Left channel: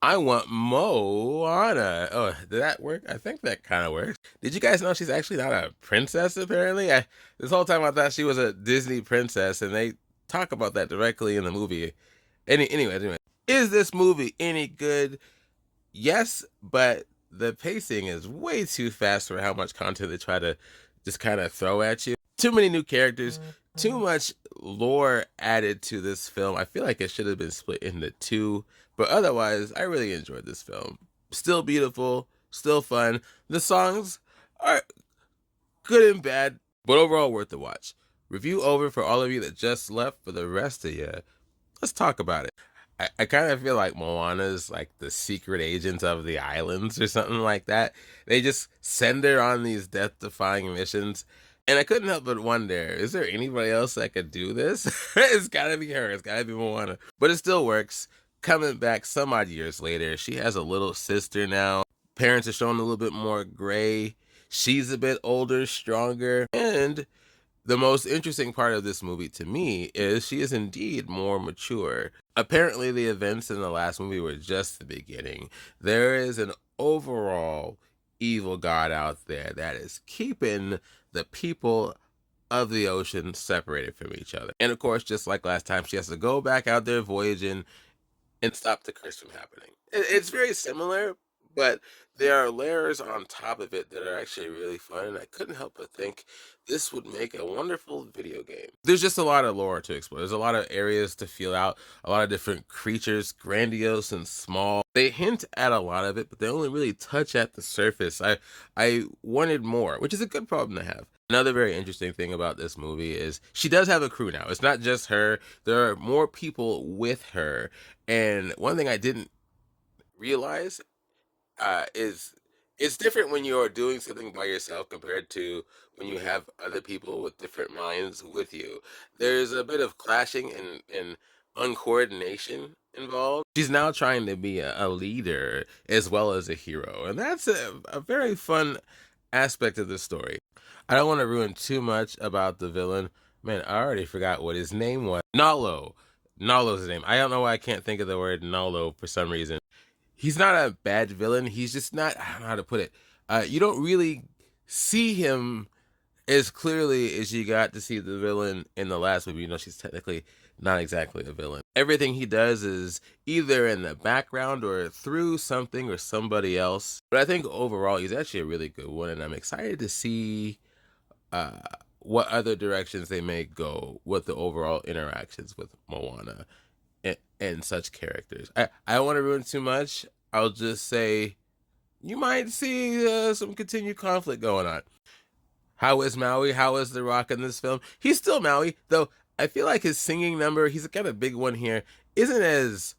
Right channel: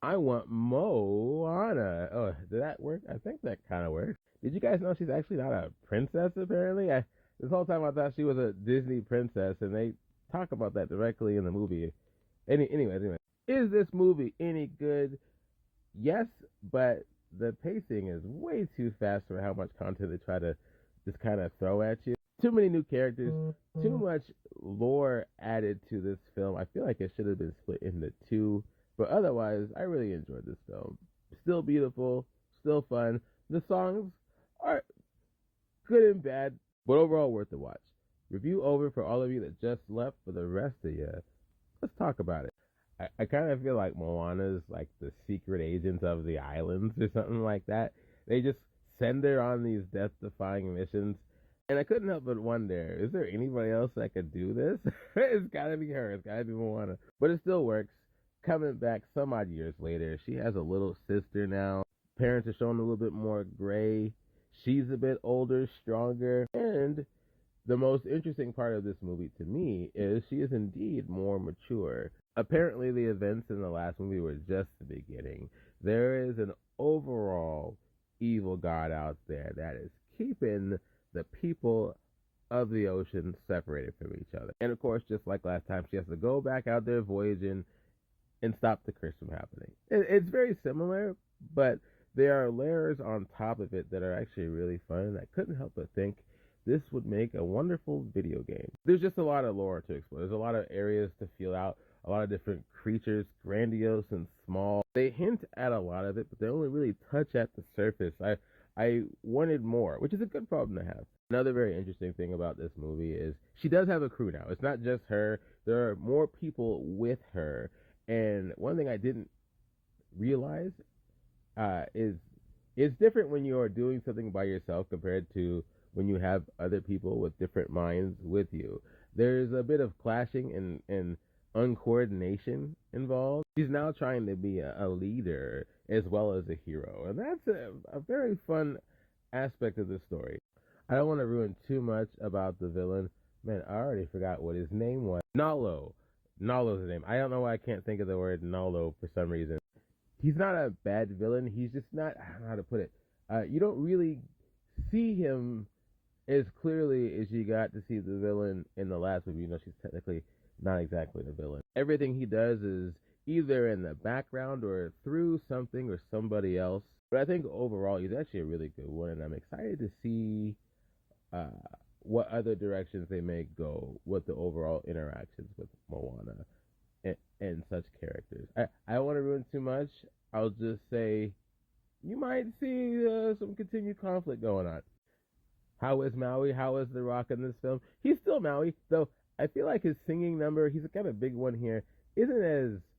I want Moana. Oh, did that work? I think that kind of works. Did you guys know she's actually not a princess, apparently? This whole time I thought she was a Disney princess, and they talk about that directly in the movie. Anyway, is this movie any good? Yes, but the pacing is way too fast for how much content they try to just kind of throw at you. Too many new characters, too much lore added to this film. I feel like it should have been split into two, but otherwise, I really enjoyed this film. Still beautiful, still fun. The songs are good and bad, but overall worth the watch. Review over for all of you that just left. For the rest of you, let's talk about it. I kind of feel like Moana is like the secret agent of the islands or something like that. They just send her on these death defying missions. And I couldn't help but wonder, is there anybody else that could do this? It's gotta be her. It's gotta be Moana. But it still works. Coming back some odd years later, she has a little sister now. Parents are showing a little bit more gray. She's a bit older, stronger, and the most interesting part of this movie to me is she is indeed more mature. Apparently, the events in the last movie were just the beginning. There is an overall evil god out there that is keeping the people of the ocean separated from each other. And of course, just like last time, she has to go back out there voyaging and stop the curse from happening. It's very similar, but there are layers on top of it that are actually really fun, and I couldn't help but think this would make a wonderful video game. There's just a lot of lore to explore. There's a lot of areas to feel out, a lot of different creatures, grandiose and small. They hint at a lot of it, but they only really touch at the surface. I wanted more, which is a good problem to have. Another very interesting thing about this movie is she does have a crew now. It's not just her. There are more people with her. And one thing I didn't realize is it's different when you're doing something by yourself compared to when you have other people with different minds with you. There's a bit of clashing and uncoordination involved. She's now trying to be a leader as well as a hero, and that's a very fun aspect of the story. I don't want to ruin too much about the villain. Man, I already forgot what his name was. Nalo. Nalo's his name. I don't know why I can't think of the word Nalo for some reason. He's not a bad villain. He's just not, I don't know how to put it. You don't really see him as clearly as you got to see the villain in the last movie. You know, she's technically not exactly a villain. Everything he does is either in the background or through something or somebody else. But I think overall, he's actually a really good one, and I'm excited to see uh, what other directions they may go with the overall interactions with Moana and such characters. I don't want to ruin too much. I'll just say you might see some continued conflict going on. How is Maui? How is The Rock in this film? He's still Maui, though I feel like his singing number, he's got a big one here, isn't as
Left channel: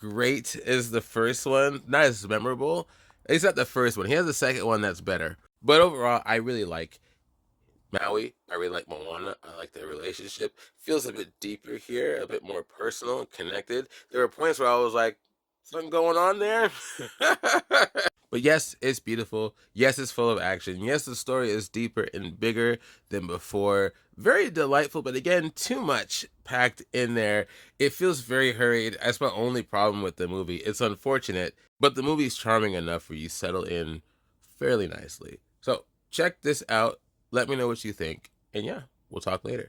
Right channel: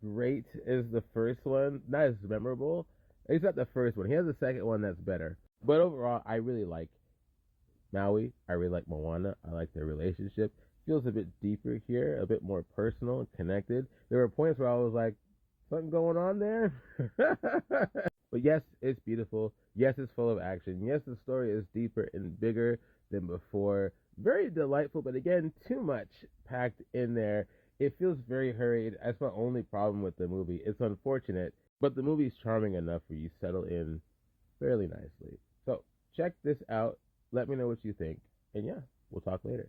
great as the first one, not as memorable. He's not the first one. He has a second one that's better. But overall, I really like Maui. I really like Moana. I like their relationship. Feels a bit deeper here, a bit more personal and connected. There were points where I was like, something going on there. But yes, it's beautiful. Yes, it's full of action. Yes, the story is deeper and bigger than before. Very delightful, but again, too much packed in there. It feels very hurried. That's my only problem with the movie. It's unfortunate, but the movie's charming enough where you settle in fairly nicely. So check this out. Let me know what you think. And yeah, we'll talk later.